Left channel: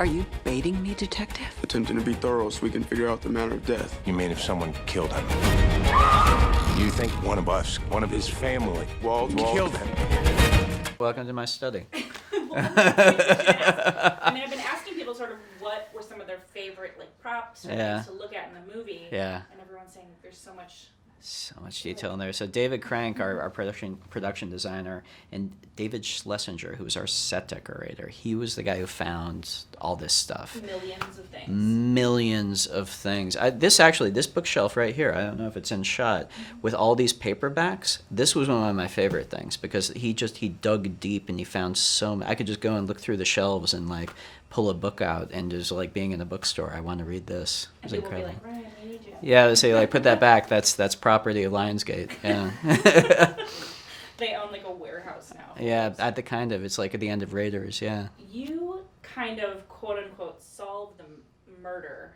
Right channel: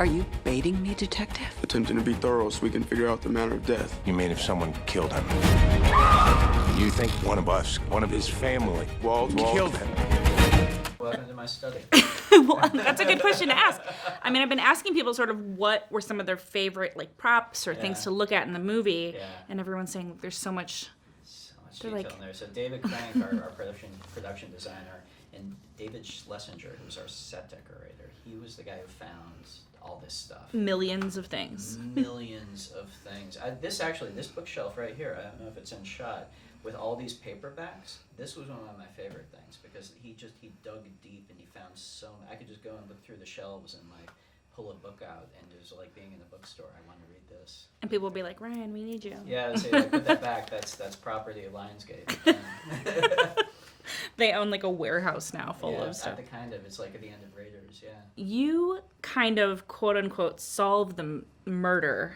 Are you baiting me, detective? Attempting to be thorough so we can figure out the manner of death. You mean if someone killed him? You think one of us, one of his family, killed him? Welcome to my study. Well, that's a good question to ask. I mean, I've been asking people sort of what were some of their favorite like props or things to look at in the movie. Yeah. And everyone's saying there's so much Detail in there. So David Crank, our production designer, and David Schlesinger, who was our set decorator, he was the guy who found all this stuff. Millions of things. Millions of things. This bookshelf right here, I don't know if it's in shot, with all these paperbacks, this was one of my favorite things because he dug deep and he found so many. I could just go and look through the shelves and like pull a book out and just like being in a bookstore, I want to read this. And people will be like, Ryan, we need you. Yeah, they say like, put that back. That's property of Lionsgate. Yeah. They own like a warehouse now. It's like at the end of Raiders. Yeah. You kind of quote unquote solve the murder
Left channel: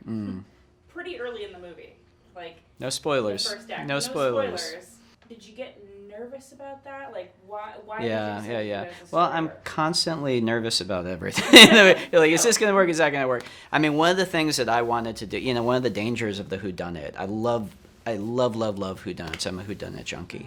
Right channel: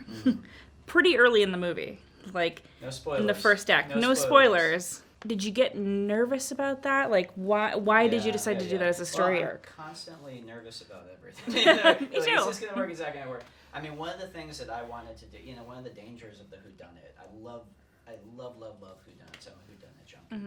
pretty early in the movie, like no spoilers. In the first act, no spoilers. Did you get nervous about that? Like, why did you decide to do that as a story? Well, I'm constantly nervous about everything. Like, is this going to work? Is that going to work? I mean, one of the things that I wanted to do, one of the dangers of the whodunit, I love whodunits. I'm a whodunit junkie.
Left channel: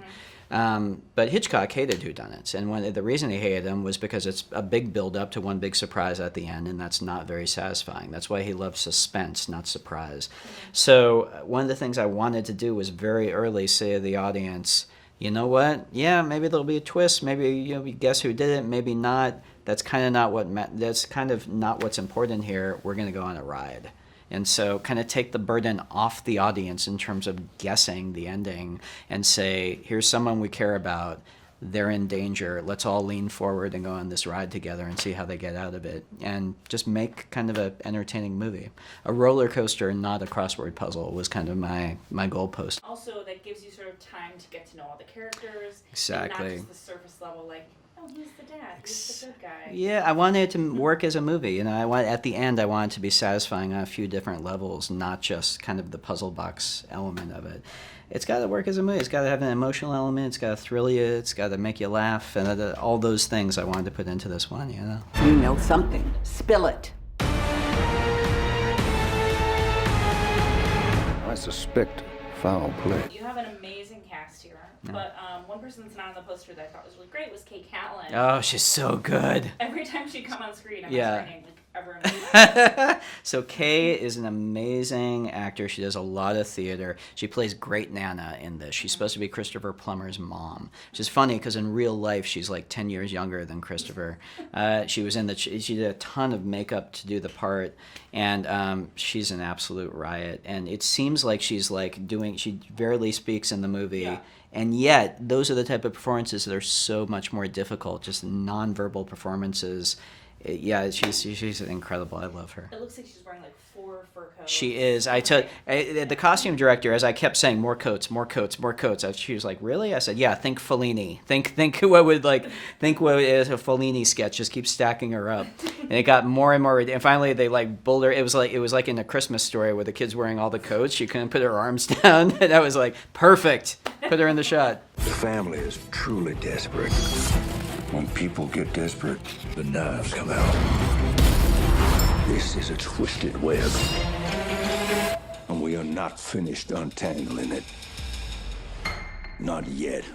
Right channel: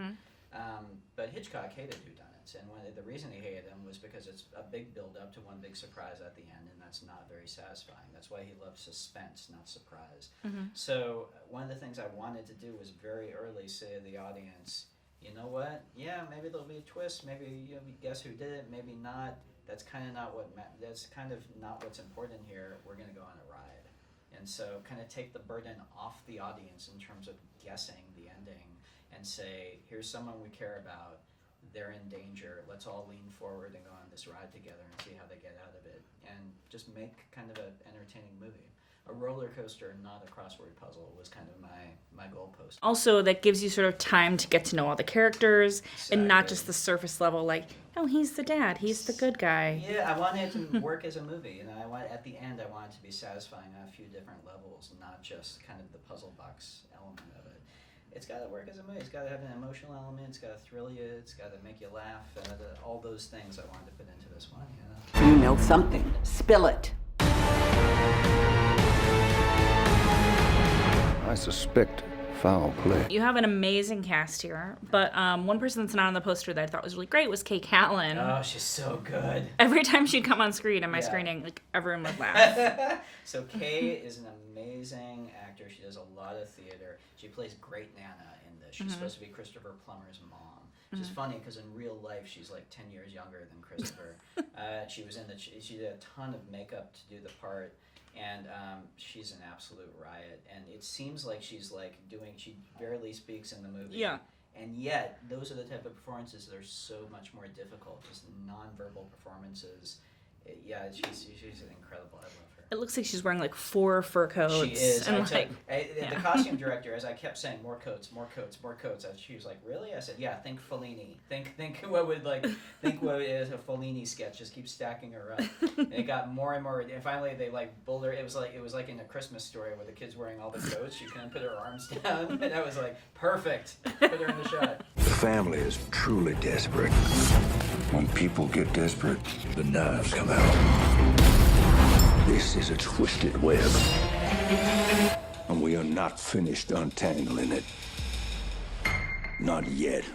But Hitchcock hated whodunits, and the reason he hated them was because it's a big build-up to one big surprise at the end, and that's not very satisfying. That's why he loved suspense, not surprise. So one of the things I wanted to do was very early say to the audience, you know what? Yeah, maybe there'll be a twist. Maybe we guess who did it. Maybe not. That's kind of not what's important here. We're going to go on a ride. And so kind of take the burden off the audience in terms of guessing the ending and say, here's someone we care about. They're in danger. Let's all lean forward and go on this ride together and see how they get out of it. And just make kind of an entertaining movie. A roller coaster, not a crossword puzzle, was kind of my goalpost. Also, that gives you sort of time to get to know all the characters and not just the surface level, like, oh, he's the dad. He's the good guy. Yeah, I wanted it to work as a movie. At the end, I wanted it to be satisfying on a few different levels, not just kind of the puzzle box element of it. It's got to work as a movie. It's got to have an emotional element. It's got to thrill you. It's got to make you laugh. And all those things I wanted to put into this one, You know something. Spill it. I suspect foul play. You have an amazing cast here, but one person that's not on the poster that I thought was really great was Callan. Oh, she's so good. Every time she'd come on screen at my screening, like everyone would laugh. So Kay is an amazing actor. She does a lot of theater. She plays great Nana in this. She's supposed to be Christopher Plummer's mom, which is funny because in real life she's like 10 years younger than Christopher. She did a ton of makeup to do the part, and she's an absolute riot. And it seems like she barely speaks in the movie. Yeah. And yet, those are the type of performances that are so much more difficult, just nonverbal performances. She's incredible. I love her. It looks like she's wearing like 4 fur coats. She is. The costume director, as I kept saying, more coats. She was like, really? I said, yeah. Think Fellini. Think what is a Fellini sketch. Just keep stacking her up, and it got more and more. And finally, they like bulled her. It was like in A Christmas Story where the kid's wearing all the coats. She couldn't put her arms down, and I was like, perfect. Put her in the shot. The family is truly desperate. When people get desperate, the knives come out. This is a twisted web. And we are not finished untangling it. Not yet.